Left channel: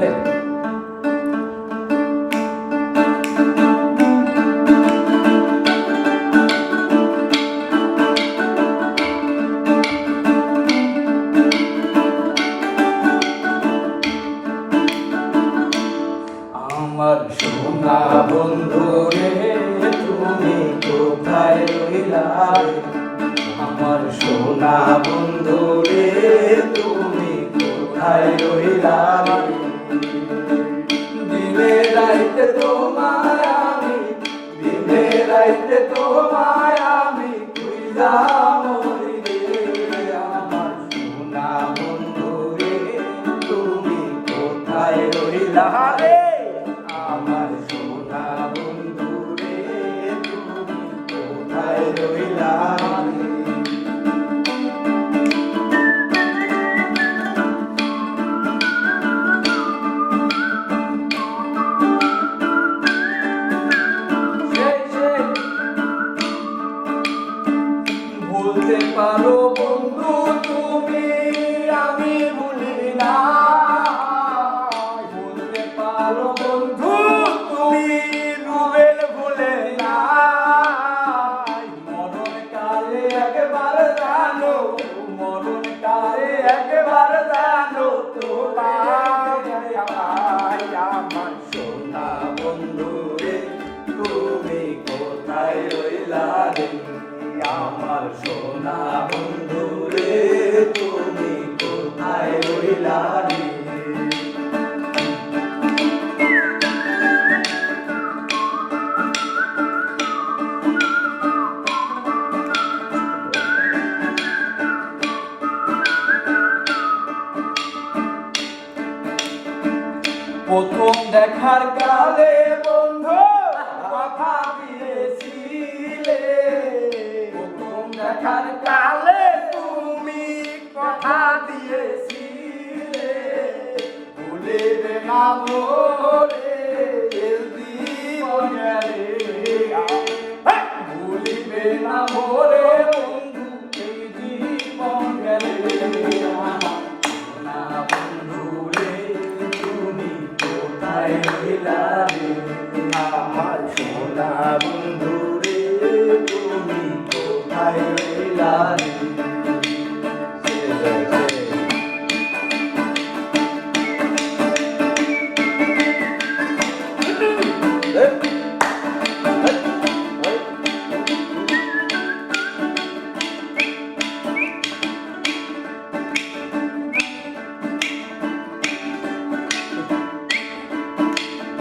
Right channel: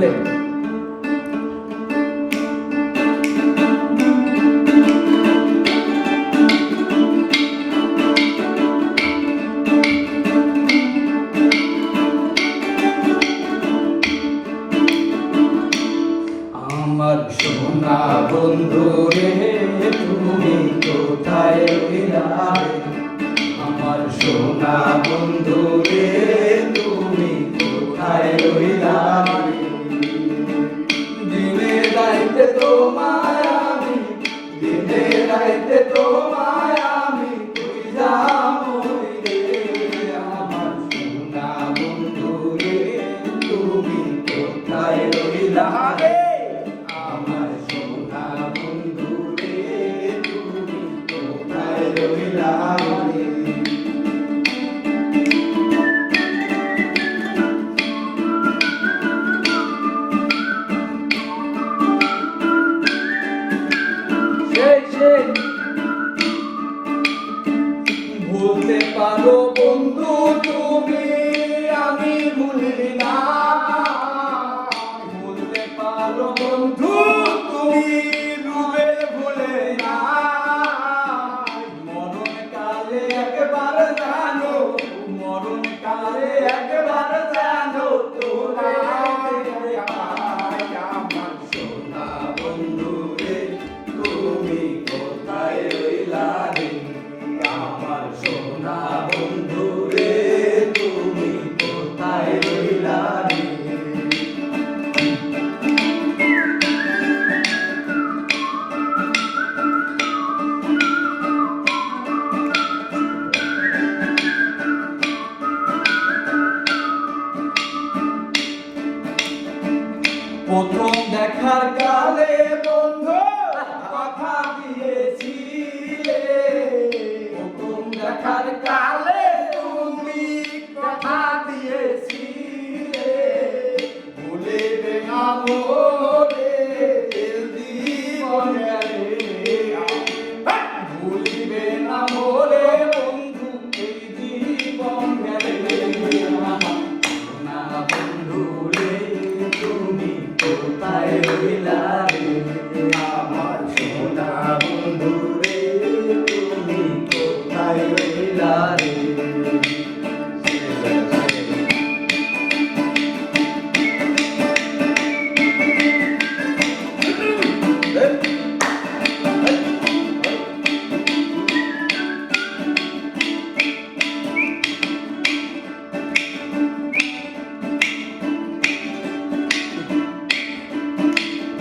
আমার সোনা বন্ধু রে তুমি কোথায় রইলা আমার সোনা বন্ধু রে তুমি কোথায় রইলা দিনে রাইতে তোমায় আমি দিনে রাইতে তোমায় আমি তুই যা মরি ভুলতে পারো বন্ধু তুমি, আমি ভুলি না। বলতে পারো বন্ধু তুমি ভুলে ভুলে না। মরণ কালে একবার জানো, মরণ কালে একবার জানো প্রথম দেখার কালে বন্ধু, কথা দিয়েছিলে। প্রথম দেখার কালে তুমি কথা দিয়েছিলে। ভুলিবে না মোরে জীবন ভুলিবে রে তুমি